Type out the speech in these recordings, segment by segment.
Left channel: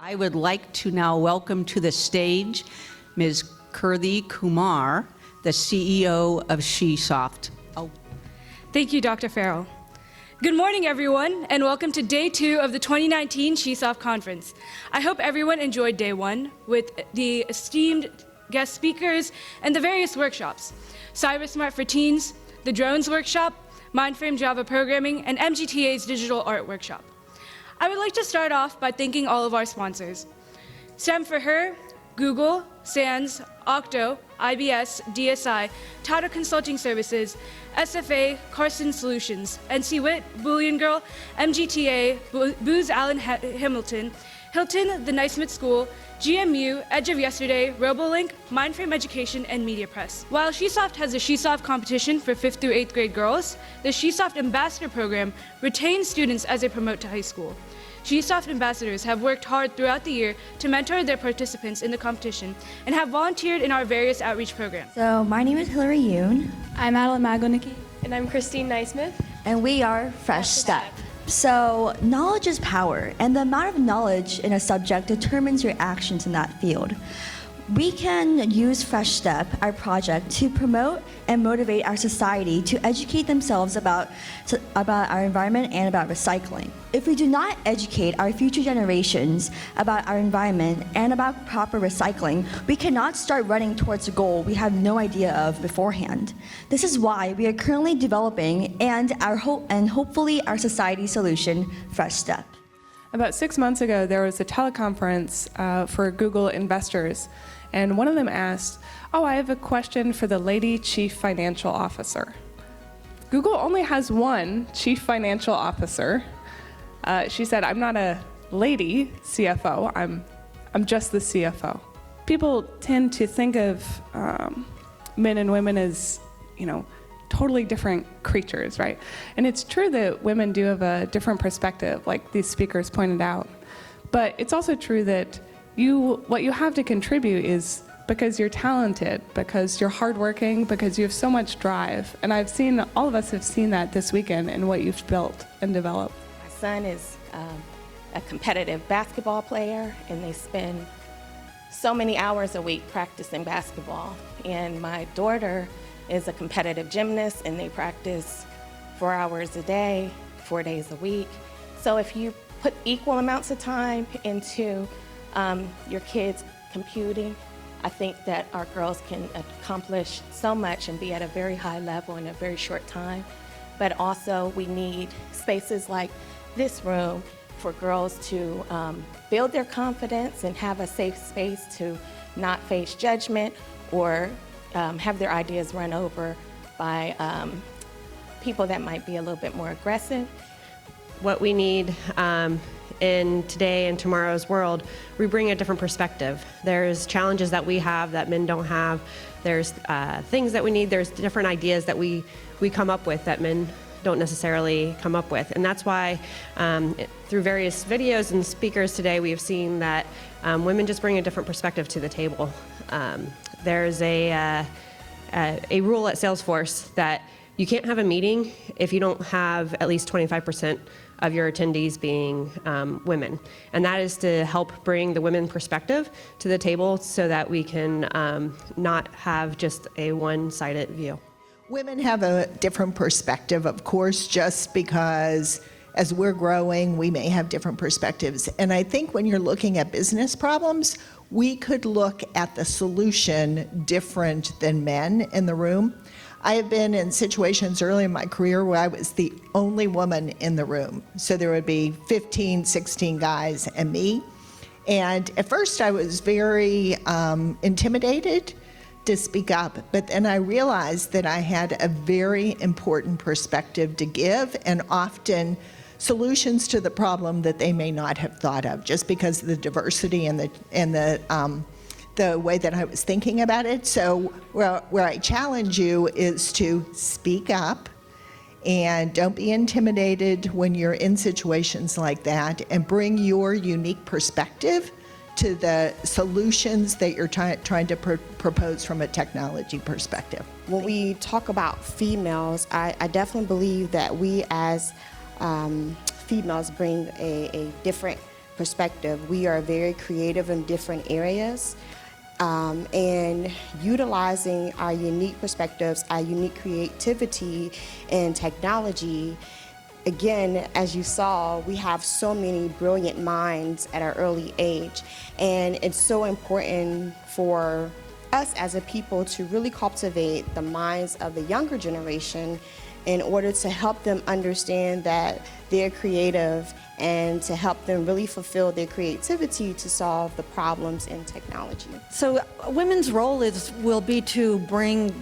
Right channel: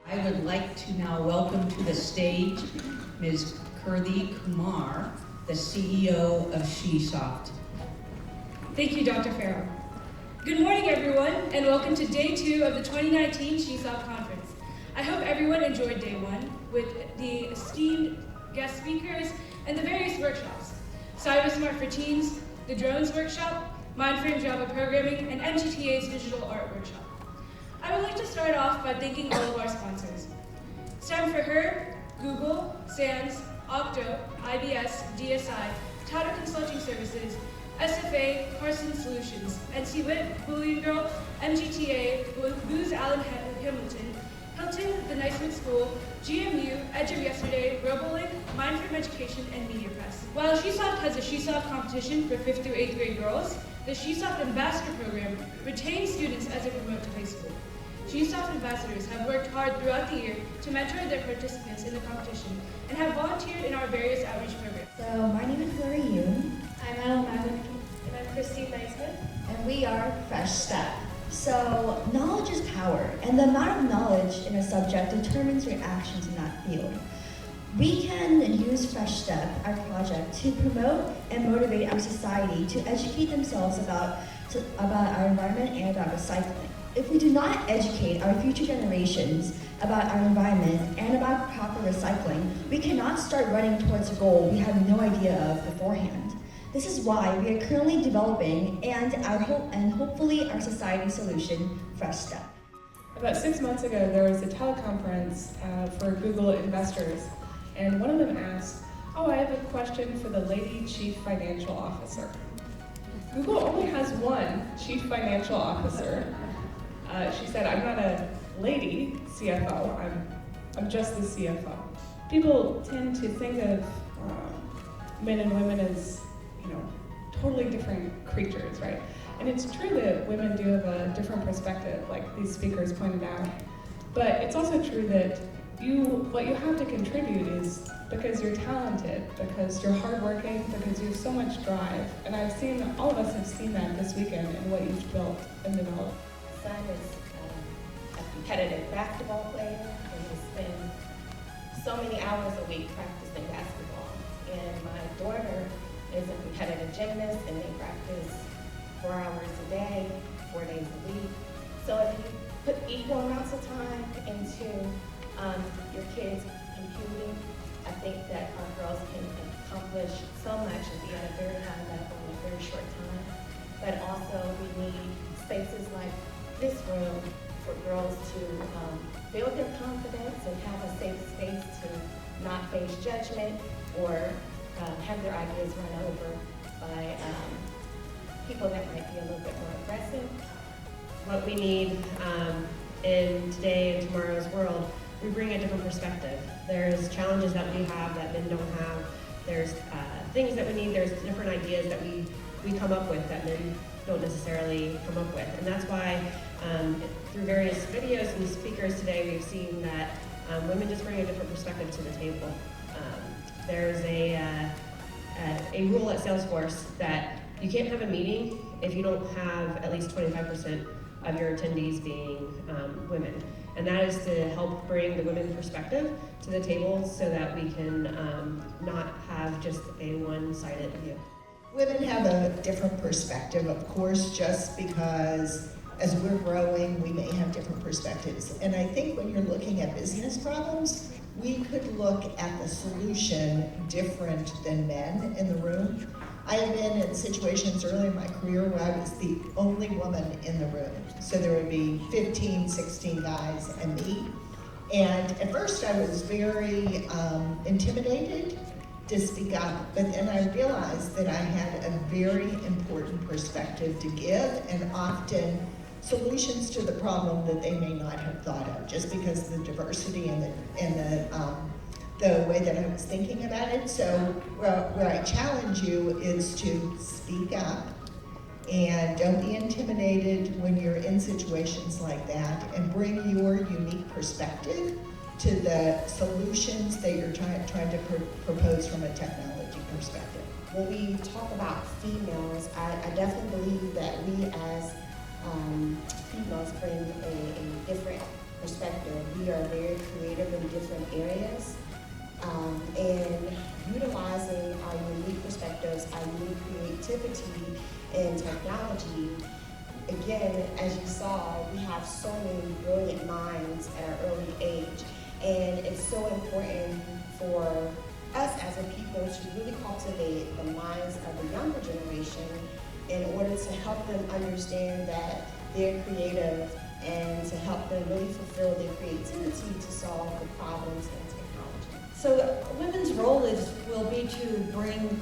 I would like to now welcome to the stage Ms. Kirthi Kumar, the CEO of SheSoft. Thank you, Dr. Farrell. Good morning, everyone, and welcome to Day 2 of the 2019 SheSoft Conference. I hope everyone enjoyed Day 1 with the esteemed guest speakers and the various workshops. Cyber Smart for Teens, the Drones Workshop, Mindframe Java Programming, and MGTA's Digital Art Workshop. I would like to start off by thanking all of our sponsors. STEM for Her, Google, SANS, Octo, IBS, DSI, Tata Consulting Services, SFA, Carson Solutions, NC Wit, Boolean Girl, MGTA, Booz Allen Hamilton, Hilton, The Naismith School, GMU, Edge of Yesterday, RoboLink, Mindframe Education, and Media Press. While SheSoft has a SheSoft competition for 5th through 8th grade girls, the SheSoft Ambassador Program retains students as they promote to high school. SheSoft ambassadors have worked hard throughout the year to mentor their participants in the competition and have volunteered in our various outreach programs. So my name is Hillary Yoon. I'm Adeline Magonicki. And I'm Christine Naismith. And we are Fresh Step. So knowledge is power, and the amount of knowledge in a subject determines your actions in that field. We can use Fresh Step, our project, to promote and motivate our society to educate themselves about our environment and about recycling. If we do not educate our future generations about our environment and about proper recycling, we cannot start running towards a goal we have no idea of beforehand. This is why we are currently developing and hopefully our society solution, Fresh Step. About 6 months ago, there was a teleconference for Google investors, and one of them asked, I have a question for the lady chief financial officer. Google only has one chief financial officer. She said, I'm not a lady CFO, I'm just the CFO. People tend to think of men and women as, totally different creatures, right? And it's true that women do have a different perspective, like these speakers pointed out. But it's also true that what you have to contribute is because you're talented, because you're hardworking, because you have so much drive. And all of us have seen that this weekend in what you've built and developed. My son is a competitive basketball player, and they spend so many hours a week practicing basketball. And my daughter is a competitive gymnast, and they practice 4 hours a day, 4 days a week. So if you put equal amounts of time into your kids computing, I think that our girls can accomplish so much and be at a very high level in a very short time. But also we need spaces like this room for girls to build their confidence and have a safe space to not face judgment or have their ideas run over by people that might be a little bit more aggressive. What we need in today and tomorrow's world, we bring a different perspective. There's challenges that we have that men don't have. There's things that we need. There's different ideas that we come up with that men don't necessarily come up with. And that's why through various videos and speakers today, we've seen that women just bring a different perspective to the table. There's a rule at Salesforce that you can't have a meeting if you don't have at least 25% of your attendees being women. And that is to help bring the women perspective to the table so that we can not have just a one-sided view. Women have a different perspective, of course, just because as we're growing, we may have different perspectives. And I think when you're looking at business problems, we could look at the solution different than men in the room. I have been in situations early in my career where I was the only woman in the room. So there would be 15, 16 guys and me. And at first I was very intimidated to speak up, but then I realized that I had a very important perspective to give, and often solutions to the problem that they may not have thought of, just because of the diversity and the way that I was thinking about it. So where I challenge you is to speak up and don't be intimidated when you're in situations like that, and bring your unique perspective to the solutions that you're trying to propose from a technology perspective. When we talk about females, I definitely believe that we as females bring a different perspective. We are very creative in different areas, and utilizing our unique perspectives, our unique creativity in technology. Again, as you saw, we have so many brilliant minds at our early age, and it's so important for us as a people to really cultivate the minds of the younger generation in order to help them understand that they're creative and to help them really fulfill their creativity to solve the problems in technology. So women's role will be to bring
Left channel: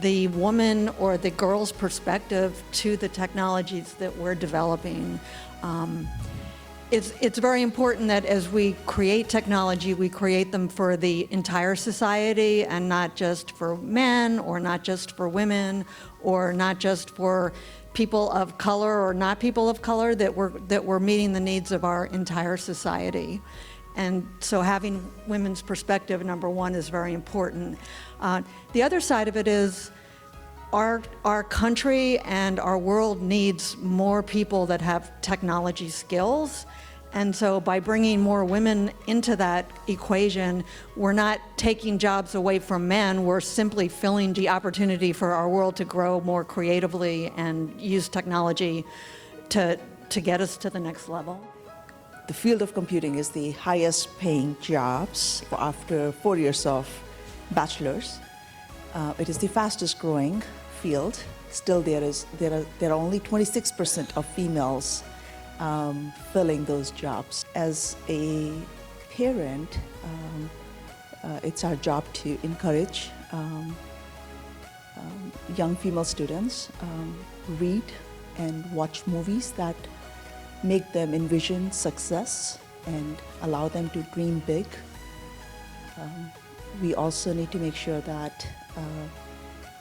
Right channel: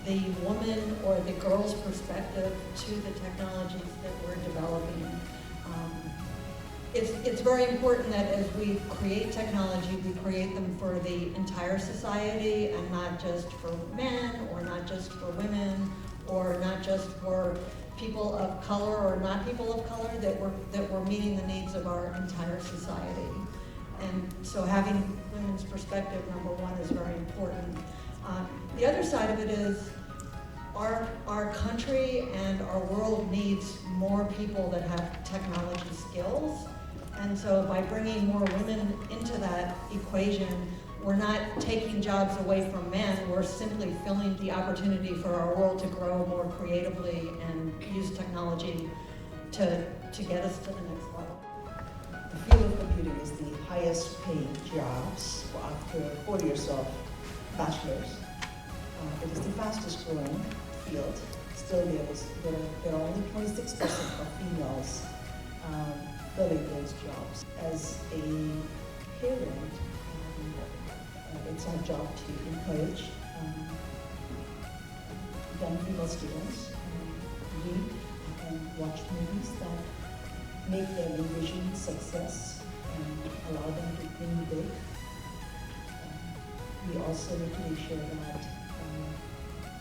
the woman or the girl's perspective to the technologies that we're developing. It's very important that as we create technology, we create them for the entire society and not just for men or not just for women or not just for people of color or not people of color, that we're meeting the needs of our entire society. And so having women's perspective, number one, is very important. The other side of it is our country and our world needs more people that have technology skills. And so by bringing more women into that equation, we're not taking jobs away from men, we're simply filling the opportunity for our world to grow more creatively and use technology to get us to the next level. The field of computing is the highest paying jobs after 4 years of bachelor's. It is the fastest growing field. Still there are only 26% of females filling those jobs. As a parent, it's our job to encourage young female students read and watch movies that make them envision success and allow them to dream big. We also need to make sure that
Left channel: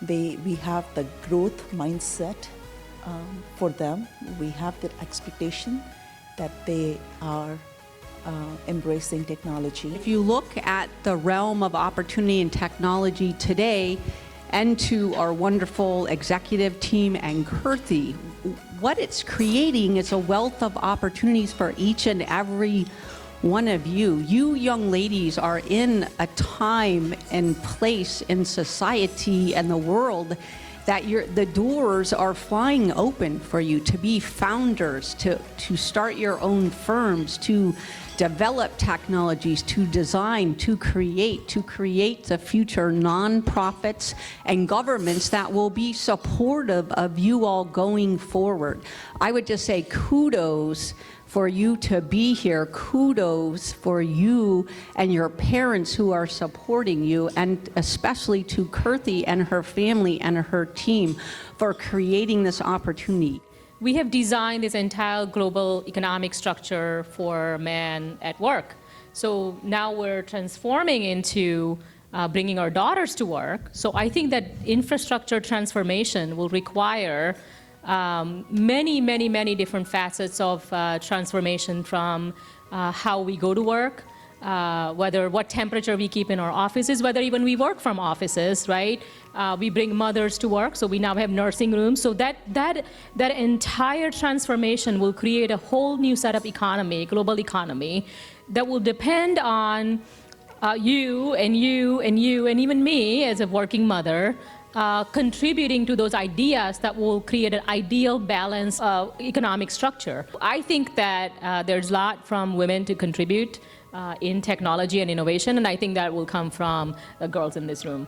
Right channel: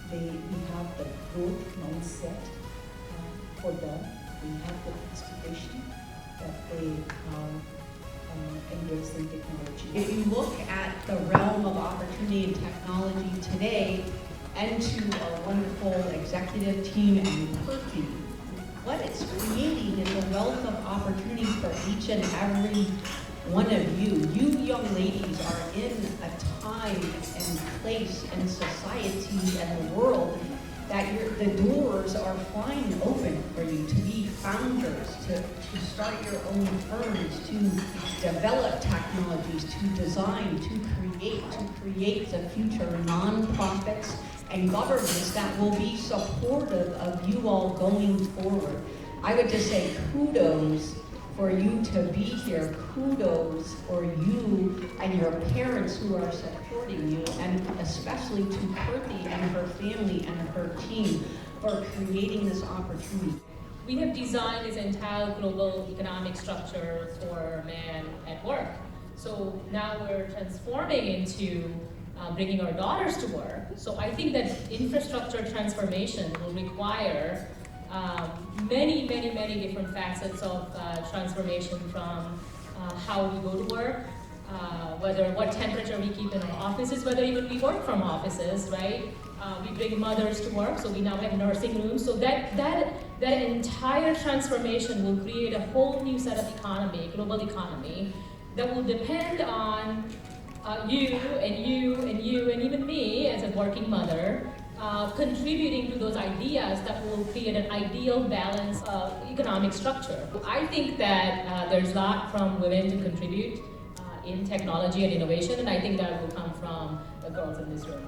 we have the growth mindset for them. We have the expectation that they are embracing technology. If you look at the realm of opportunity and technology today, and to our wonderful executive team and Kirthi, what it's creating is a wealth of opportunities for each and every one of you. You young ladies are in a time and place in society and the world that the doors are flying open for you to be founders, to start your own firms, to develop technologies, to design, to create the future nonprofits and governments that will be supportive of you all going forward. I would just say kudos for you to be here, kudos for you and your parents who are supporting you, and especially to Kirthi and her family and her team for creating this opportunity. We have designed this entire global economic structure for men at work. So now we're transforming into bringing our daughters to work. So I think that infrastructure transformation will require many different facets of transformation, from how we go to work, what temperature we keep in our offices, whether even we work from offices, right? We bring mothers to work, so we now have nursing rooms. So that entire transformation will create a whole new set of economy, global economy, that will depend on you and even me as a working mother, contributing to those ideas that will create an ideal balanced economic structure. I think that there's a lot from women to contribute in technology and innovation, and I think that will come from the girls in this room.